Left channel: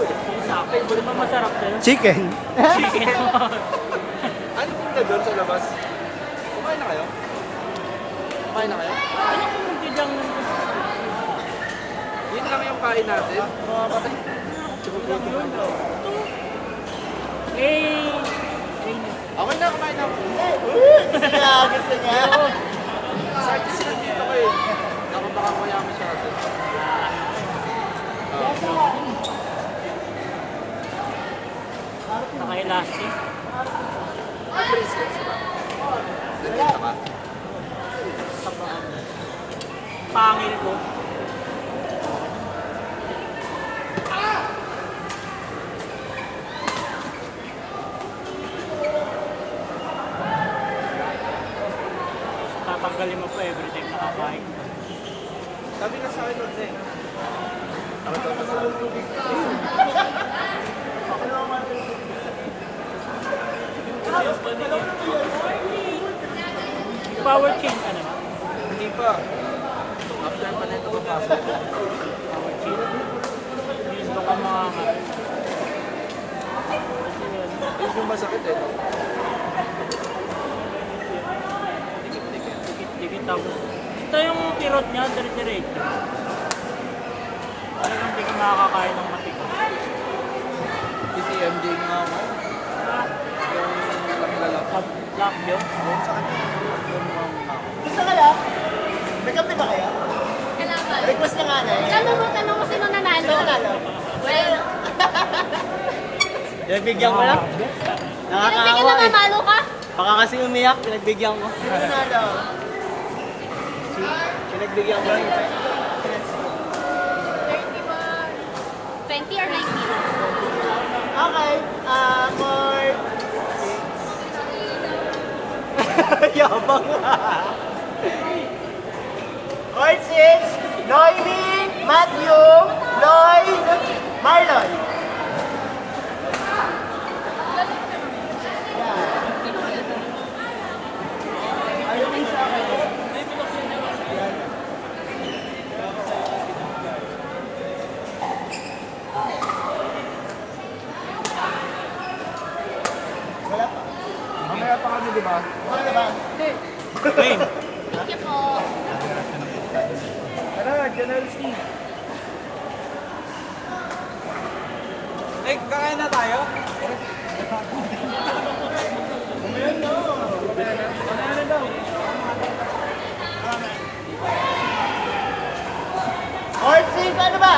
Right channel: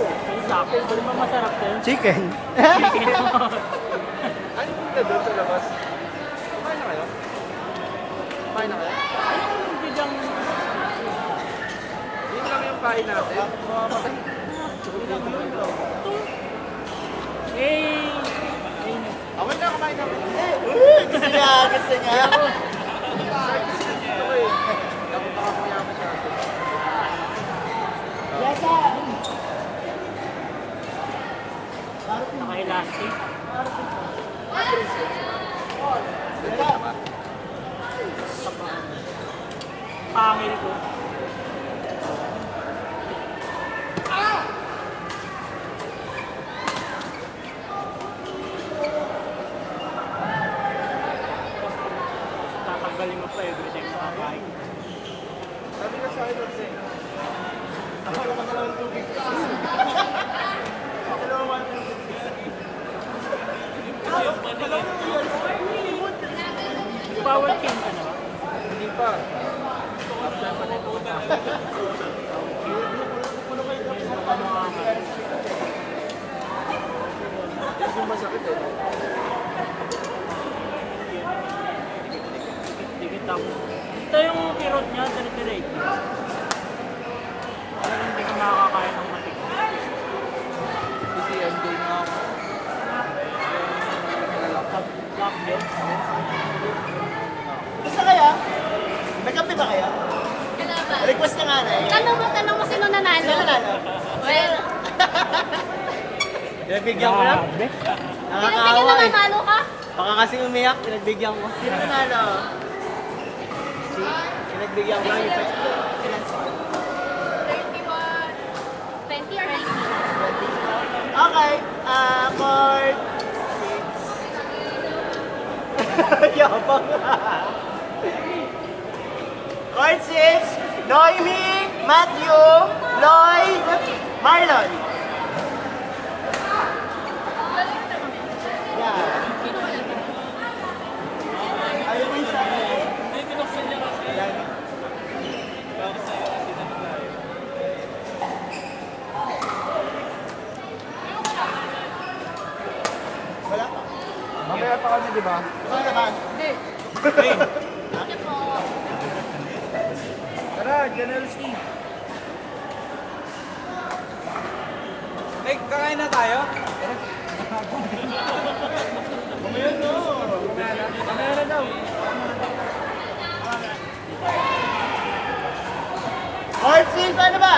Di ba masarap sa'yo? Chicken. Chicken. Ano yung ka doon sa labas? Kumain na kayo? Kumain na kayo? Ano kung biglang Yun lang yung kain natin. kulang yun? Eh, Okay na, kumain na. Gusto niya, gusto niya. Sartis na dito eh. Nakita ka maya masyado. naka-elastic. Pangil ko. Tatanggalin mo pa every time nakakain. Sabi nga sa akin, Jose. Bawal change ka na ba? Hindi pa. After pa na ito. Hindi ka mga Hindi masakit eh. dikit ako. Ito yung kirot niya, diretso. Parang hindi ko makakakain ng matik. Si MJ nga. Black milk. Gusto kaya? May kape ba kaya? Kailangan. Request niya nga na eh. Tanong mo sino nanalo? Sino nanalo? Well, Pinagbigyan ko lang. pinagbigyan Nakakaawa na eh. mamalo ka? Baka kasi umiyak, pinagbigyan ko. Sino nanalo? Pinagbigyan ko. 20 or 19? Okay, for... Yabang. Court 6, Noemi, Matthew, Lloyd, Marlon. Mamaya pa kami, di ba? Ano ba? Game. Sige po. Tara, General Steve. Eh, kakain na tayo? Mamaya na. Mamaya na daw. Court 6, ano ba?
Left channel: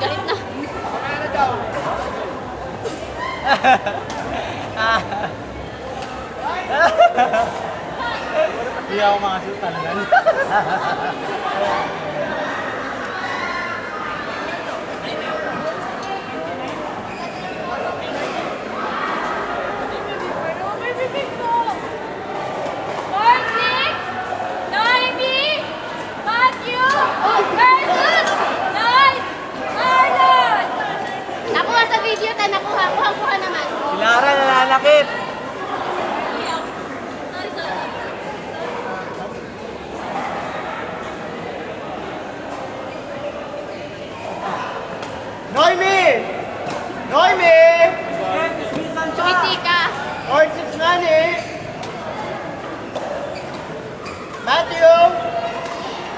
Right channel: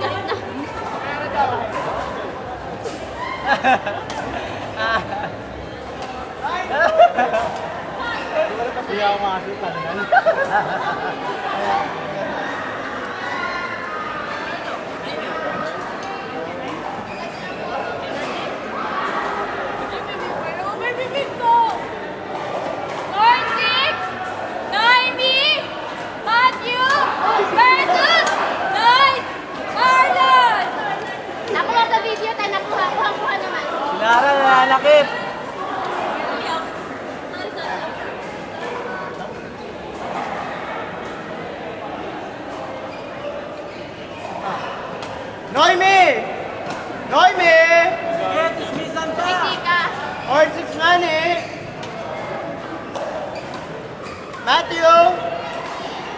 Galit na. Hindi ako makasipan. Lord Six, Noemi, Matthew, versus Lloyd, Marlon. Nakuha sa video, tayo nakuha naman. Si Lara nananakit. Noemi! Noemi! Hindi ka. Court 6 Nani! Matthew!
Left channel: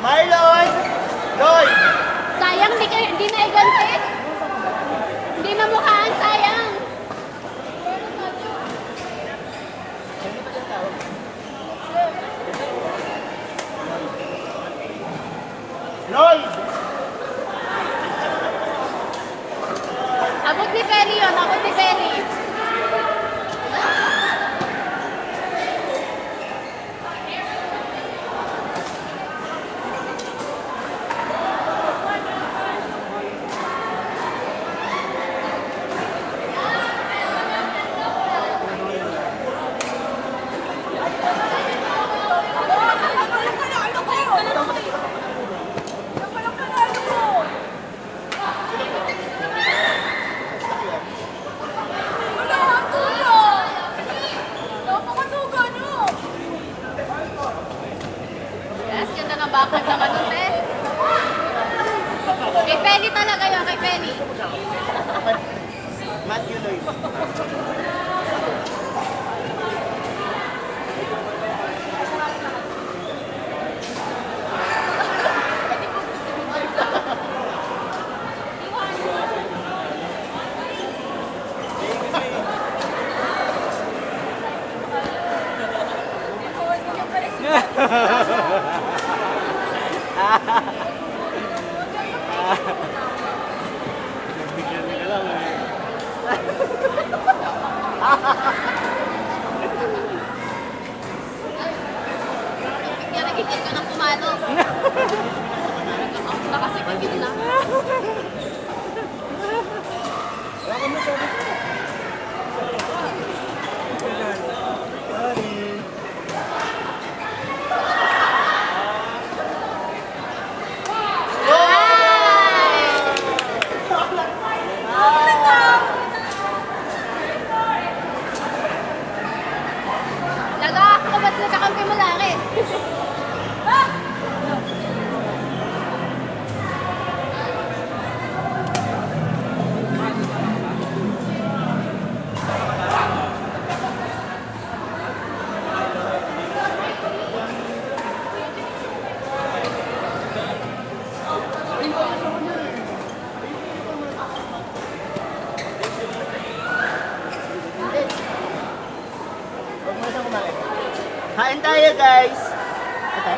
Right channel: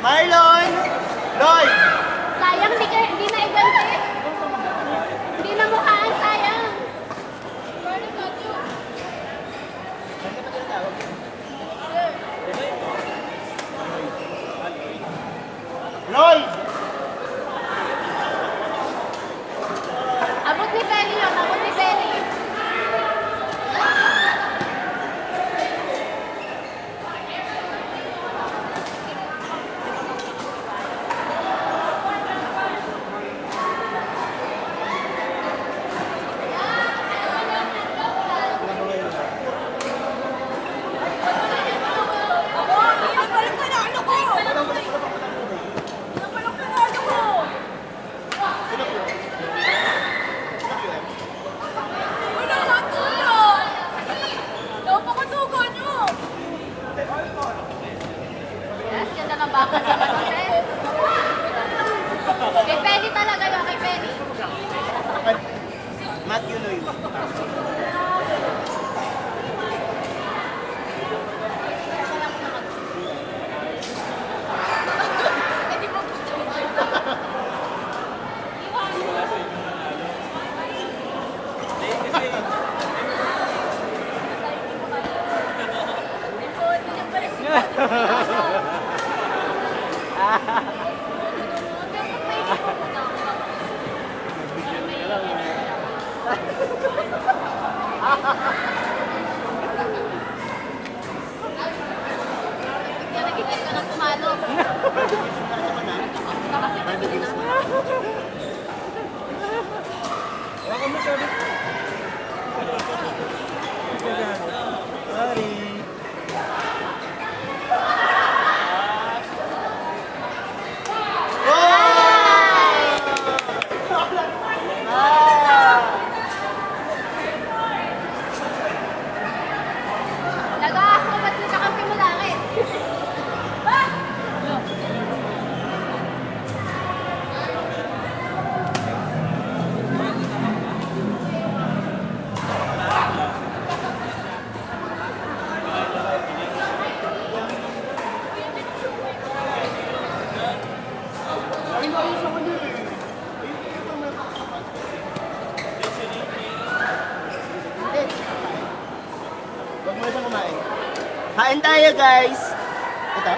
Marlon! Lloyd! Sayang, hindi na igante. Hindi na mukhaan, sayang. Lloyd! Abot ni Feli yun, abot ni Feli. Sorry. Daga, ako ba't nagkakampi mo laki? Kain tayo, guys. Ito.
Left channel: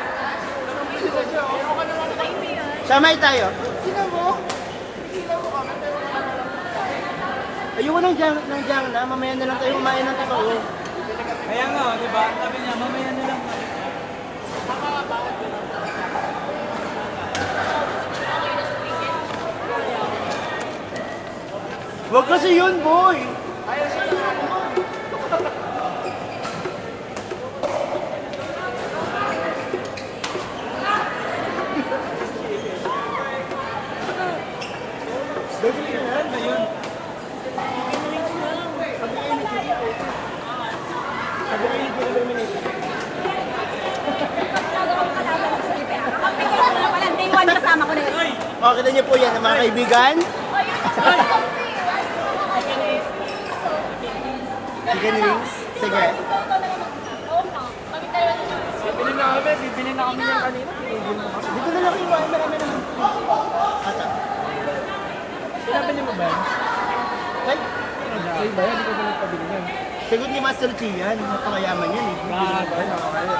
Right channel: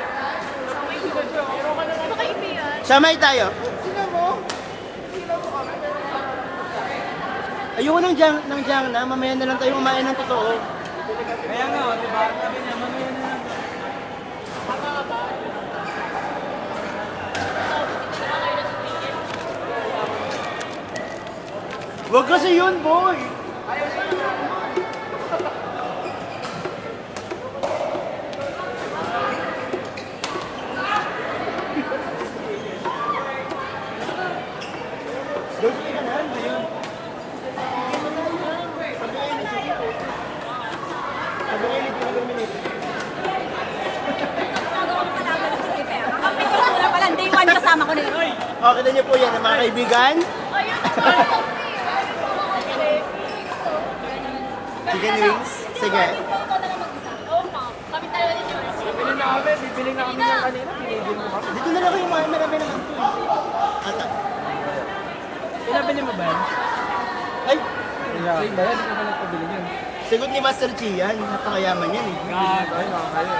Samay tayo. Ayoko nang dyan na. Mamaya na lang tayo kumain ng totoo. Kaya nga, oh, di ba? Sabi niya, mamaya na lang. Huwag kasi yun, boy. O, kita niyo po yan, mga kaibigan. Chicken wings. Sige. Bibili na kami ng kanina. Pinigil mo kami. Dito na lang kayo, marami na lang. Ata. Pinabili mo ba? Ay, Ay, ba yan? Hindi ko nagpabili niyan. sagot ni Master Chi yan. Napakayaman yan eh. Ah, ba yun? Nakakaya.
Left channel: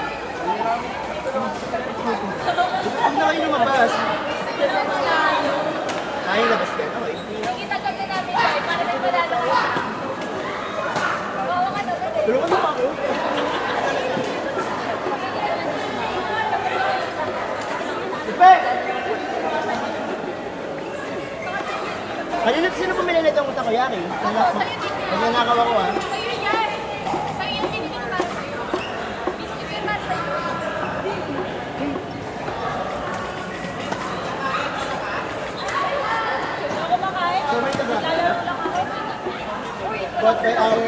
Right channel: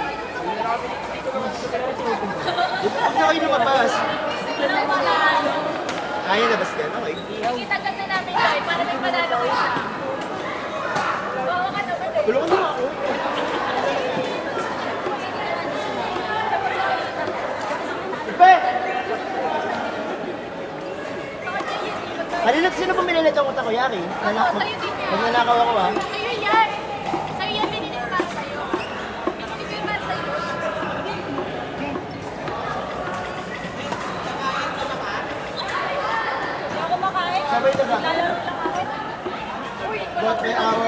Dito na kayo lumabas. Ay, labas ka. Okay. Nakita kami namin tayo para may panalo kayo. Oo, ano ba? Tulungan mo ako. Ipe! Kanina sino bumili nito kung takoyaki? Magnanakaw ako ah. Sa'yo yan! Sa'yo yan, binili ko para sa'yo. Binili ko iba sa'yo. Hindi ako makain. Sabay ka ba? But by our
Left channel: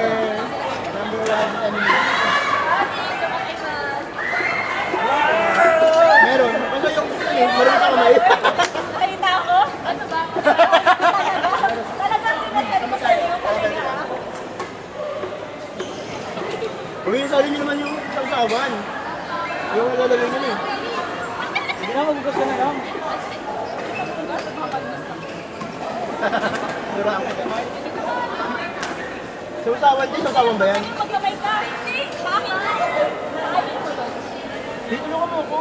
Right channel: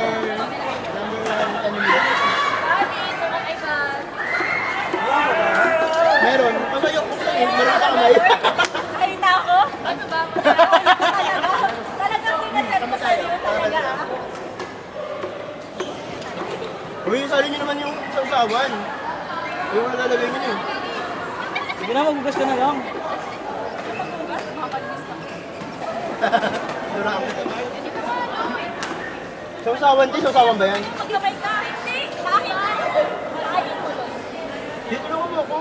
number one enemy. Meron. Kasi yung meron ka kamay. Salita ako? Ano ba? Talagang sinasabi sa'yo talaga. Uy, sali niyo naman yung sausawan. Yung lalagay niyo eh. Sige na, magbukas ka na lang. Durang. Sausawan din, sausawan ba yan? Maglamay ka. Hindi. Bakit? Dito lang ako.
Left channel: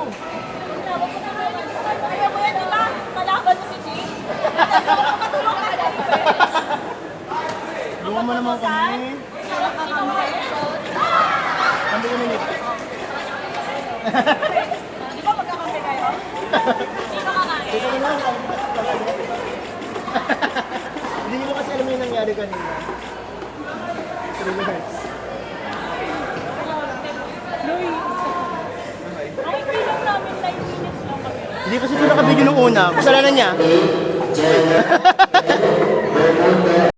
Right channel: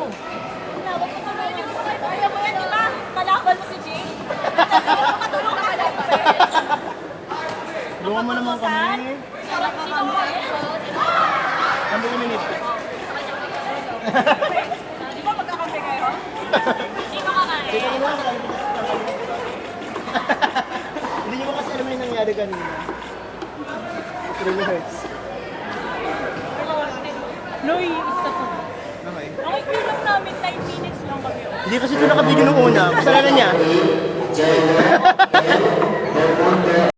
Malakal mo si Jay. Matulong ka na. Bunga mo naman kami. Ang buong minute. Di ba magkakampi kayo? Sino ka nga eh? Dito lang ako. Hindi ko kasi alam yung nangyari kanina. 3 minutes. Louie, Okay. Ay, bilang namin 9 minutes lang kami. Hindi kasi ito nakabidyo nung una. Kasalanan niya.